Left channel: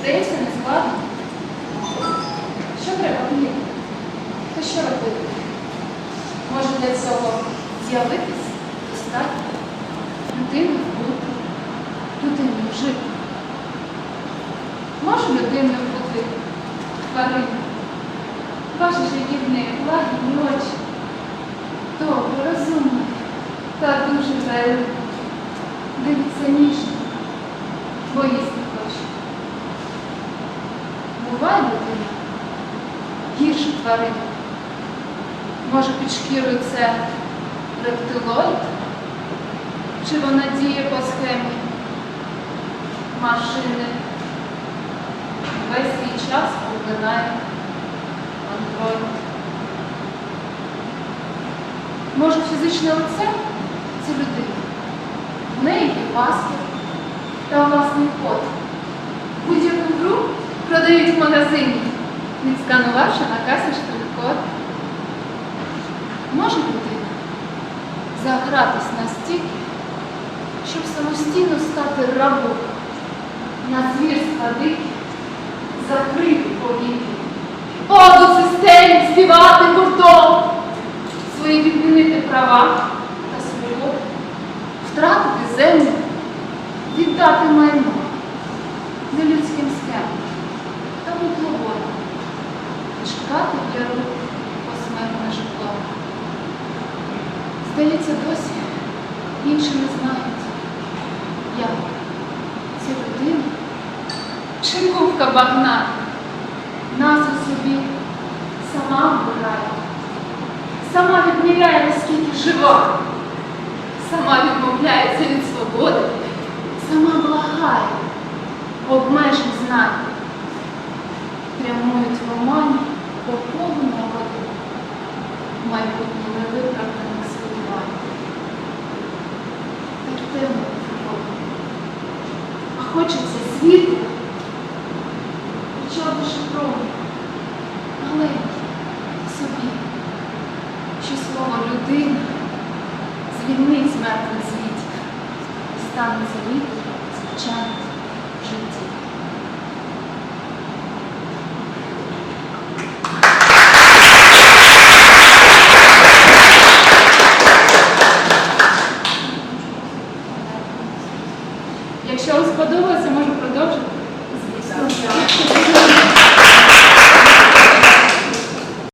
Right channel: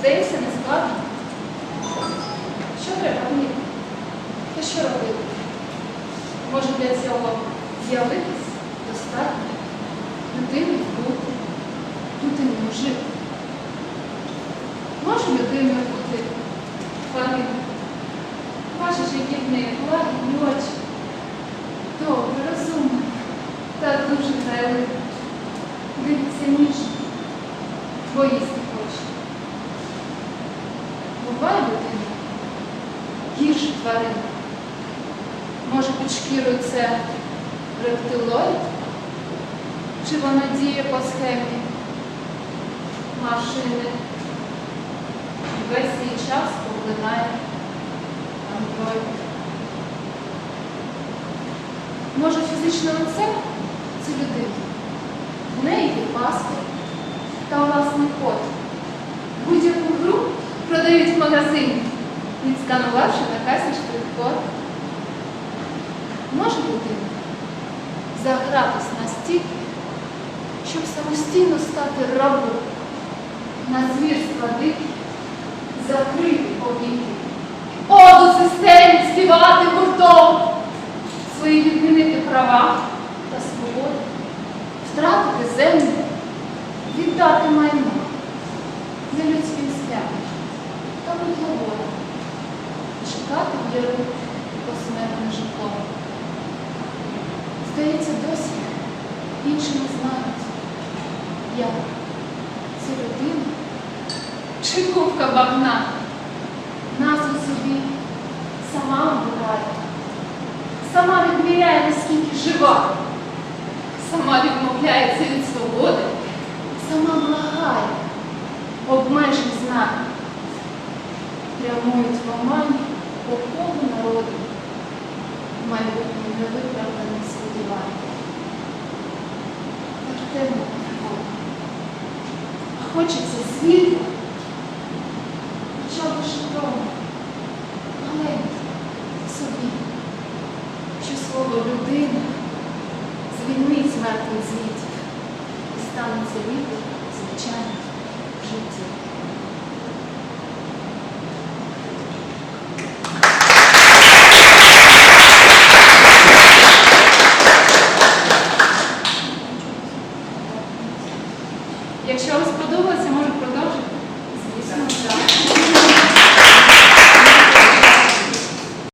Здається, не складно. Що треба вміти? Та що робити? Може для цього з'явитись достатньо людиною бути, людиною жити. Може людиною бути твариною. Бачиш, які в неї лагідні очі. Добре, розумна та дуже грайлива. Дивиться ніжно, бо їсти хоче. Буває людина гірше тварин. Може під шкірою це рептилоїд? Чи вона діє по схемі машини? Весь свій час поглинає андроїд. Може фізичне лице це людина. В неї є паспорт та власний код. Продають в магазині, відсканувавши на касі штрих-код. Може людина загратись настільки, щоб самостійно стати рабом на звірства дикі, закрити повітря, оду системі співати гуртом, свої відмінити права та свободи, втратити землю, віддати майно чекати для рук посмертне житло. Здається, досі інші не знають, як це людина чи кувка багна назву собі сама обирає, сама відміряє, наскільки жива, сама відмовляється від свободи, сама благає, обмежень знань, прямують в омані хочеться світу, хоча б шифровано, маленький собі, що слово людина звільнить мертвих звітів і станеться житті.